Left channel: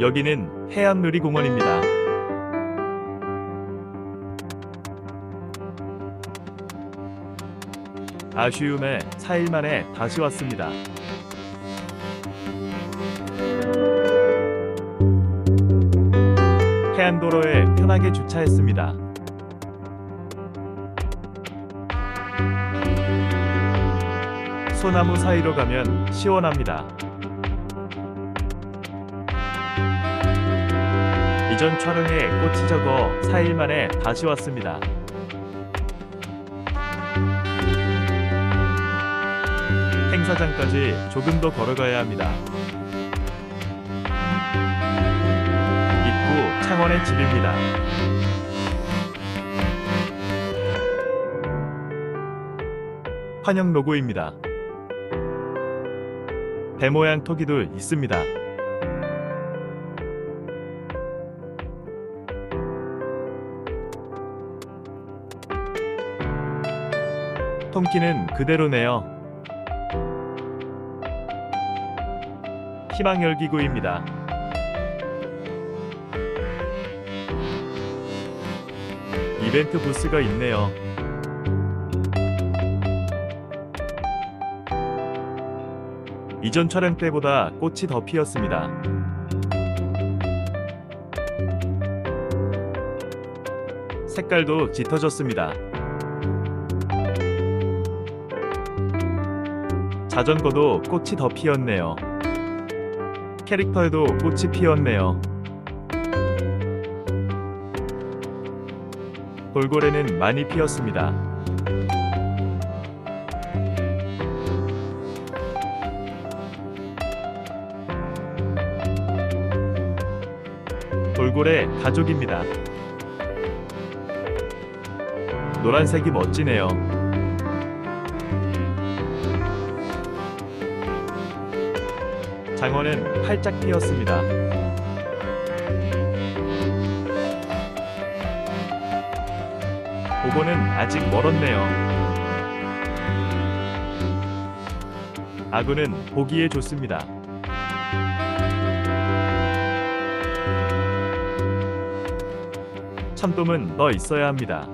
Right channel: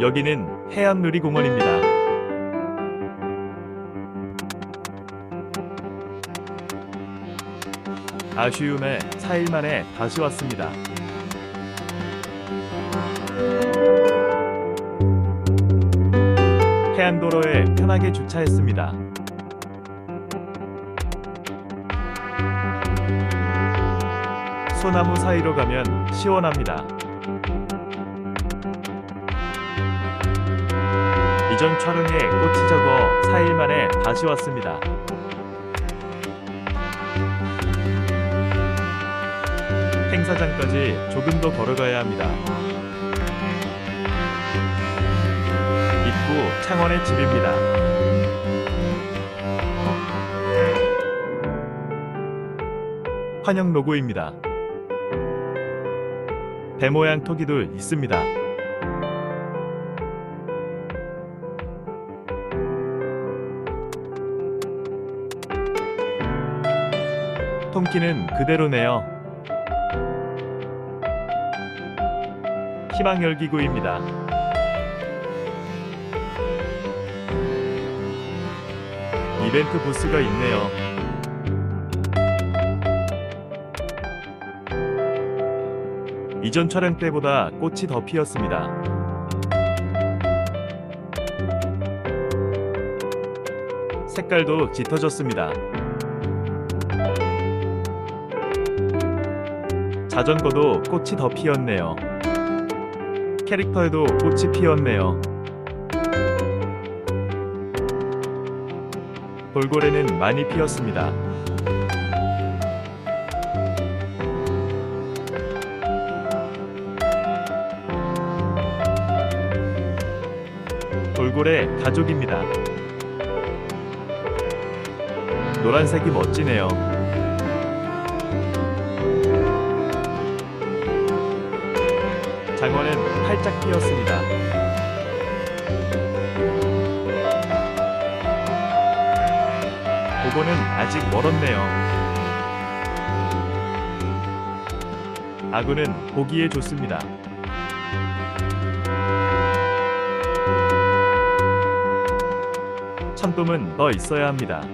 여기는 해양놀이공원입니다. 아쉬움에 4일 만에 다시 왔습니다. 해안도로에 편하게 주차했습니다. 소나무 사이로 가면 시원합니다. 이전 촬영에 꽃이 적어 4일 만에 다시 왔습니다. 행사장까지 조금 더 걸어가야 합니다. 입구 창원의 집입니다. 환영 로고입니다. 배 모양 토기도 있습니다. 통키는 그대로네요. 희망 열기구입니다. 이벤트 부스가 있네요. 이전 촬영 때보다 꽃이 더 피었습니다. 색깔도 짙어졌습니다. 자전거도 꽃이 더 피었네요. 캐릭터에도 꽃이 피었네요. 돌고래는 많이 피었습니다. 돌고래 가족입니다. 노란색이 멋지네요. 장어는 활짝 피었습니다. 보고는 아직 멀었네요. 아구는 보기에 좋습니다. 참돔은 더 있어야 합니다.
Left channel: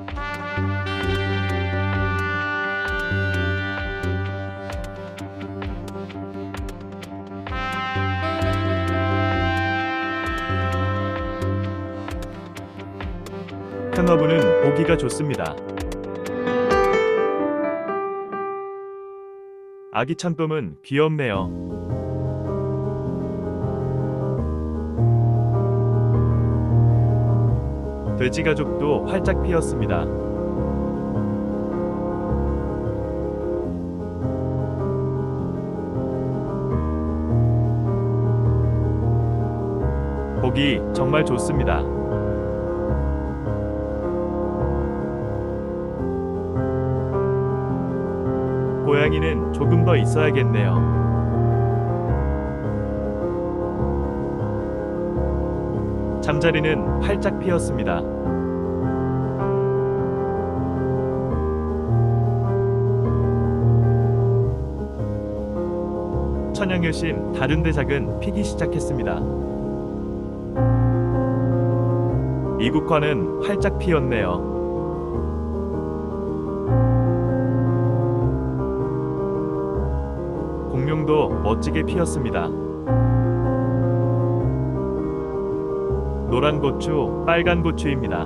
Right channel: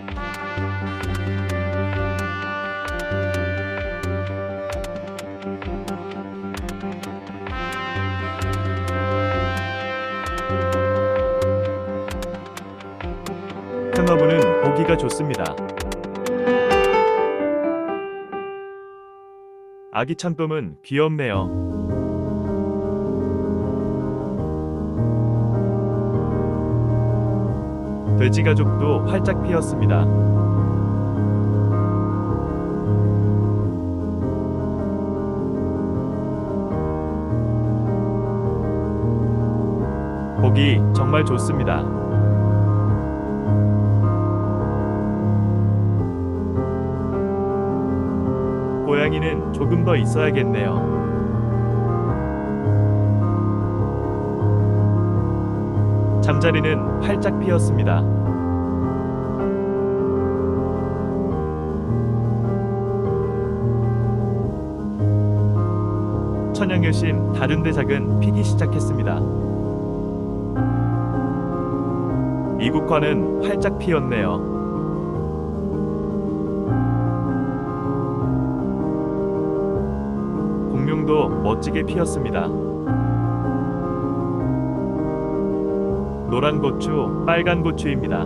큰어부는 보기가 좋습니다. 아기 참돔은 귀엽네요. 돼지 가족도 활짝 피었습니다. 보기 정말 좋습니다. 고양이는 조금 더 있어야겠네요. 잠자리는 활짝 피었습니다. 천양여심 다른 대작은 피기 시작했습니다. 이국화는 활짝 피었네요. 공룡도 멋지게 피었습니다. 노란 고추, 빨간 고추입니다.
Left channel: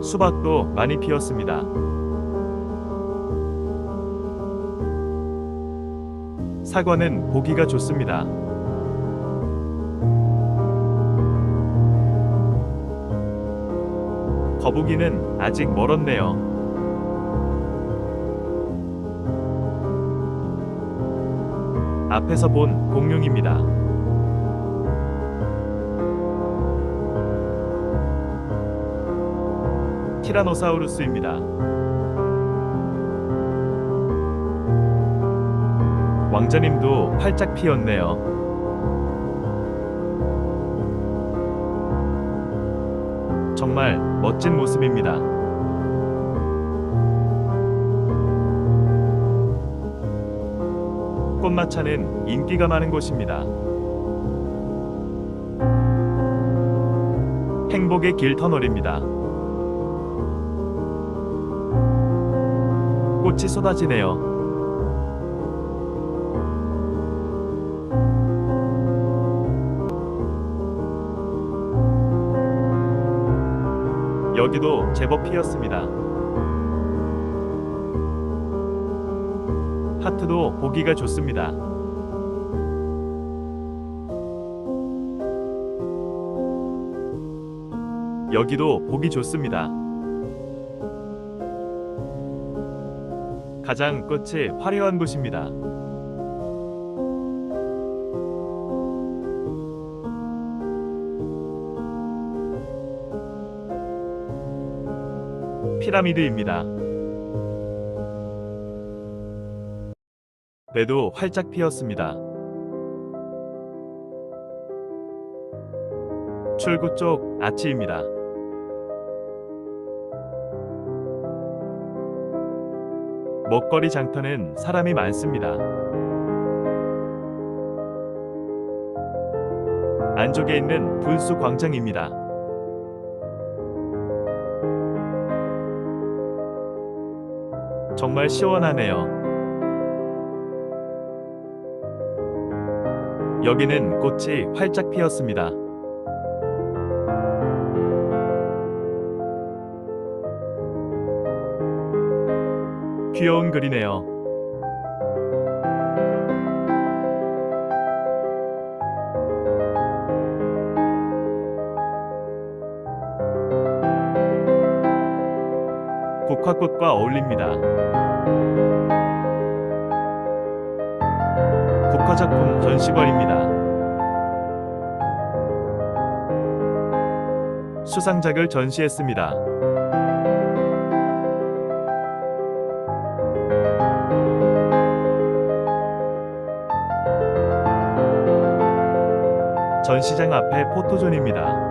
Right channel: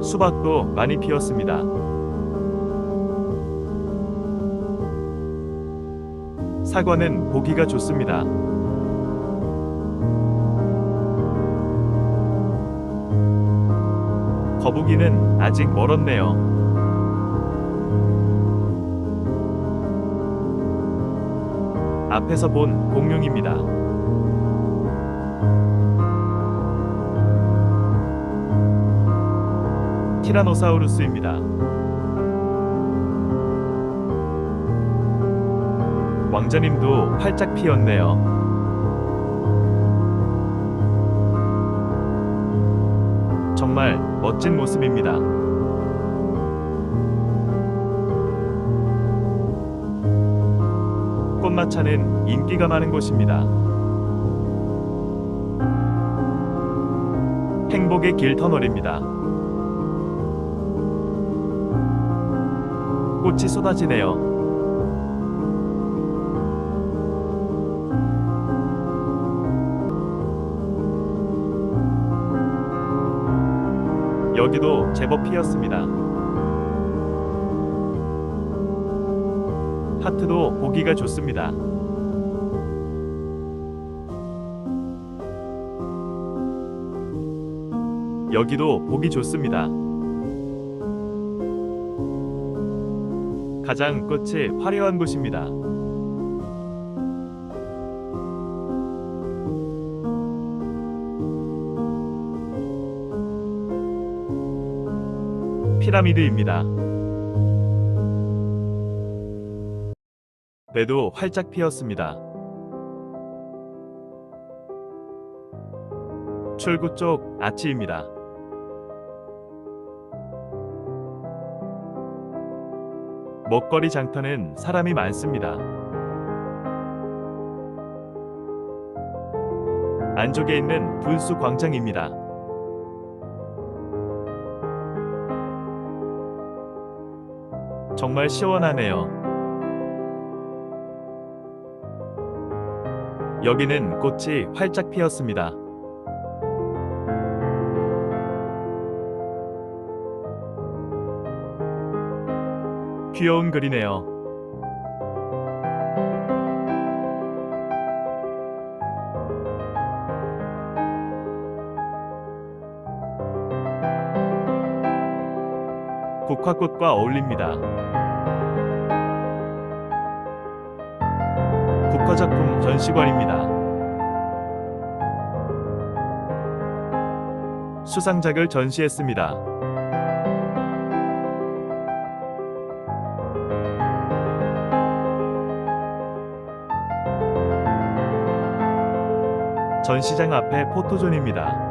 수박도 많이 피었습니다. 사과는 보기가 좋습니다. 거북이는 아직 멀었네요. 앞에서 본 공룡입니다. 티라노사우루스입니다. 왕자님도 활짝 피었네요. 정말 멋진 모습입니다. 꽃마차는 인기가 많은 곳입니다. 행복의 길 터널입니다. 꽃이 쏟아지네요. 여기도 제법 피었습니다. 하트도 보기가 좋습니다. 여기도 보기 좋습니다. 가장 끝이 화려한 곳입니다. 피라미드입니다. 배도 활짝 피었습니다. 출구 쪽 아치입니다. 먹거리 장터는 사람이 많습니다. 안쪽에 있는 분수 광장입니다. 정말 시원하네요. 여기는 꽃이 활짝 피었습니다. 귀여운 글이네요. 국화꽃과 어울립니다. 국화작품 전시관입니다. 수상작을 전시했습니다. 전시장 앞에 포토존입니다.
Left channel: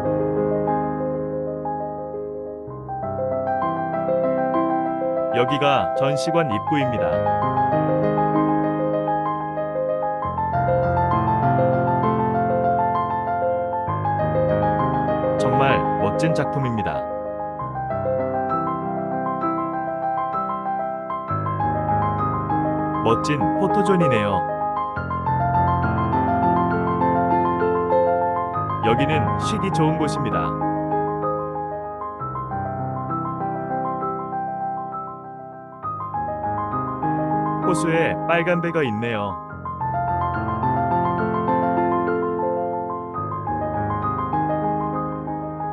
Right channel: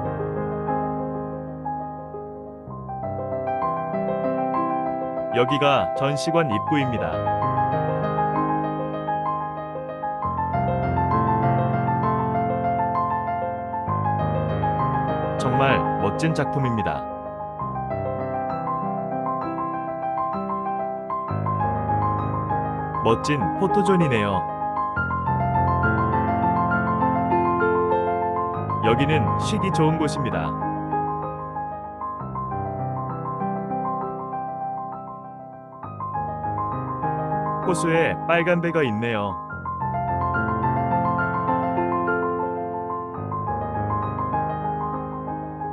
여기가 전시관 입구입니다. 정말 멋진 작품입니다. 멋진 포토존이네요. 여기는 쉬기 좋은 곳입니다. 호수에 빨간 배가 있네요.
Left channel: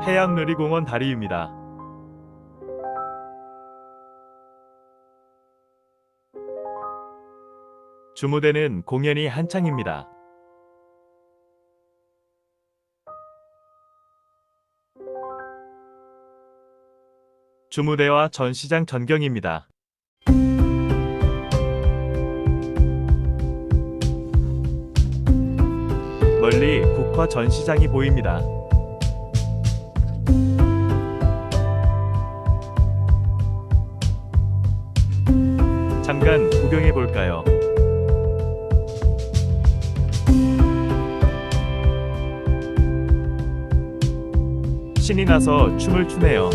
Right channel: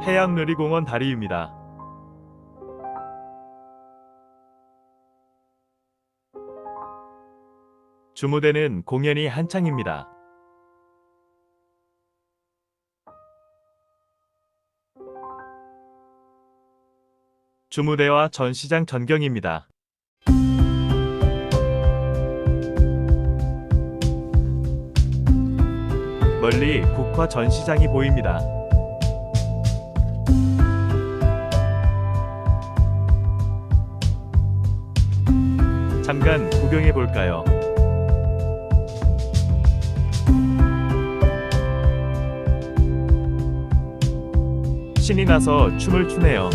해양누리공원 다리입니다. 주무대는 공연이 한창입니다. 주무대와 전시장 전경입니다. 멀리 국화 전시장이 보입니다. 잠깐 구경해 볼까요? 신이 나서 춤을 추네요.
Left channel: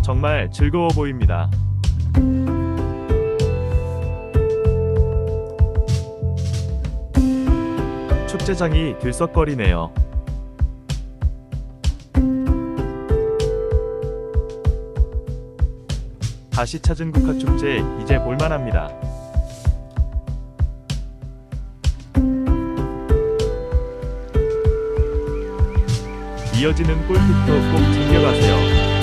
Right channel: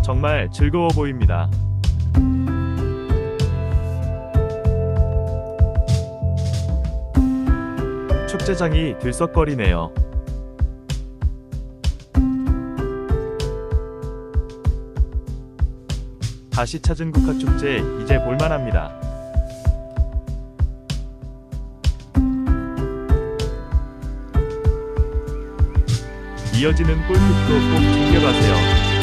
정말 즐거워 보입니다. 축제장이 들썩거리네요. 다시 찾은 국화축제 이제 볼만합니다. 이어지는 꿀팁도 꼭 챙겨가세요.